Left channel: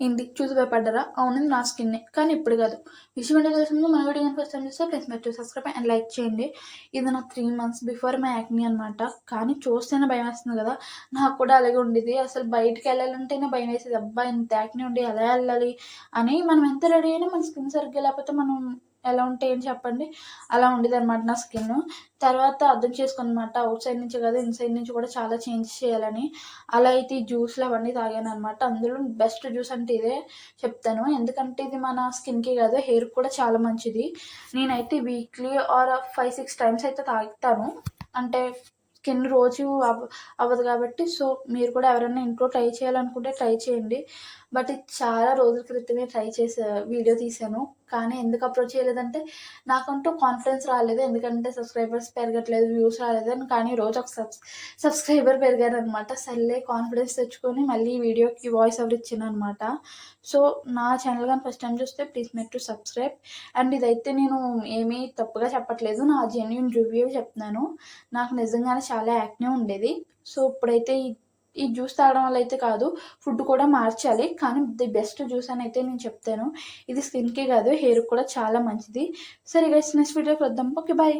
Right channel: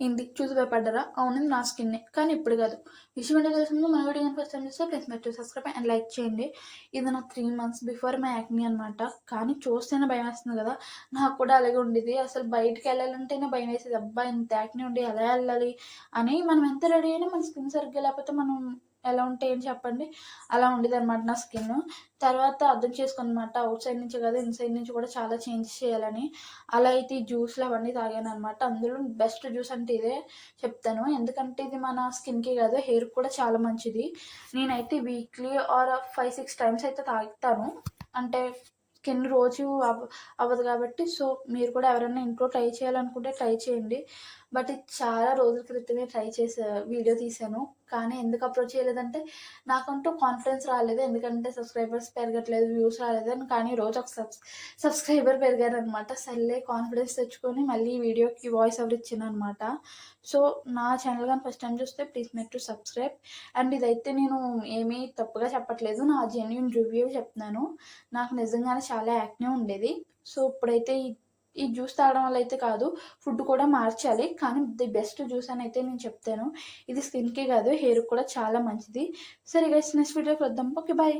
ఏంటి చూసి భయపడ్డారా? అవును నా స్కిన్నే. కానీ ఇప్పుడు కాదు. విషయం ఏంటో తెలిసిన ముందు మన వీడియో గనుక ఫస్ట్ టైం చూస్తే ప్లీజ్ మీరు సబ్స్క్రైబ్ అండ్ లైక్ చేయండి. ఇది నాకు 3 మంత్స్ బిఫోర్ మై యాక్నీ అనమాట. కానీ చూస్తేనే భయమేస్తుంది కదా! నాకు కూడా అలాగే ఉండేది. అసలు బయటికెళ్ళాలంటేనే భయమేసేది. అబ్బా! ఇంత యాక్నీ ఉండి ఎలా ఎళ్ళాలి అని. మనం ఎంత రెడీ అయినా మన స్కిన్ సరిగ్గా లేకపోతే మనం ఎలా ఉంటే ఏం చెప్పండి? అలా ఉండేదనమాట నా స్కిన్ను. తర్వాత అర్థం చేసుకున్నాననమాట. ఔట్ సైడ్ నుంచి కాదు ఇన్‌సైడ్ నుంచి కూడా చాలా చేంజెస్ చేయాలని. అలా అయితే ఈ జ్యూస్‌లు అవన్నీ తాగాననమాట. అందులో బెస్ట్ జ్యూస్ అంటే ఇదే చెప్తాను. ఎందుకంటే ఇది మన స్కిన్‌కి కాదు హెయిర్‌కి కూడా చాలా మంచిది. నేనైతే వీక్లీ ఆర్ 5, 6 టైమ్స్ అయితే తాగుతాను. అంటే స్కిన్ రోజు అవ్వదు కాబట్టి. సో, మీరు కూడా ఎవరైనా ఇంట్లో ట్రై చేయాలనుకుంటే ట్రై చేయండి. బట్ ఇది చాలా రోజుల క్రితమే ట్రై వీడియో తీశాను. కానీ ఎందుకు అప్‌లోడ్ చేయలేదంటే నాకంటూ కాన్ఫిడెన్స్ రాలేదు. ఎందుకంటే సబ్స్క్రైబర్స్ పెరగట్లేదు, వ్యూస్ రాలేదని. కానీ రోజు ఒక సబ్స్క్రైబర్ పెరిగారనమాట. సర్లే కాన్ఫిడెన్స్ తెచ్చుకొని మళ్ళీ ఈ వీడియోకి వాయిస్ ఓవర్ ఇచ్చాననమాట. సో, నా ఛానల్ గాని ఫస్ట్ టైమ్ చూస్తే please make to subscribe. And ఇదైతే నేను ఏమీ తప్పుగా చెప్పట్లేదు. నా జెన్యూన్ రివ్యూ చెప్తున్నాను. నాకు నిజంగానే చాలా యాక్నే ఉండేది. సో, ఇప్పుడైతే ఈ జ్యూస్ తాగడం వల్ల అయితే కాదు, ఫుడ్ కూడా మార్చాలి. కానీ ది బెస్ట్ జ్యూస్ అని అయితే నేను చెప్తాను. ఇది స్కిన్‌కే కాదు హెయిర్‌కి కూడా చాలా మంచిది. సరే గైస్ నెక్స్ట్ వీడియోకి వద్దాం. ఓకే. బాయ్.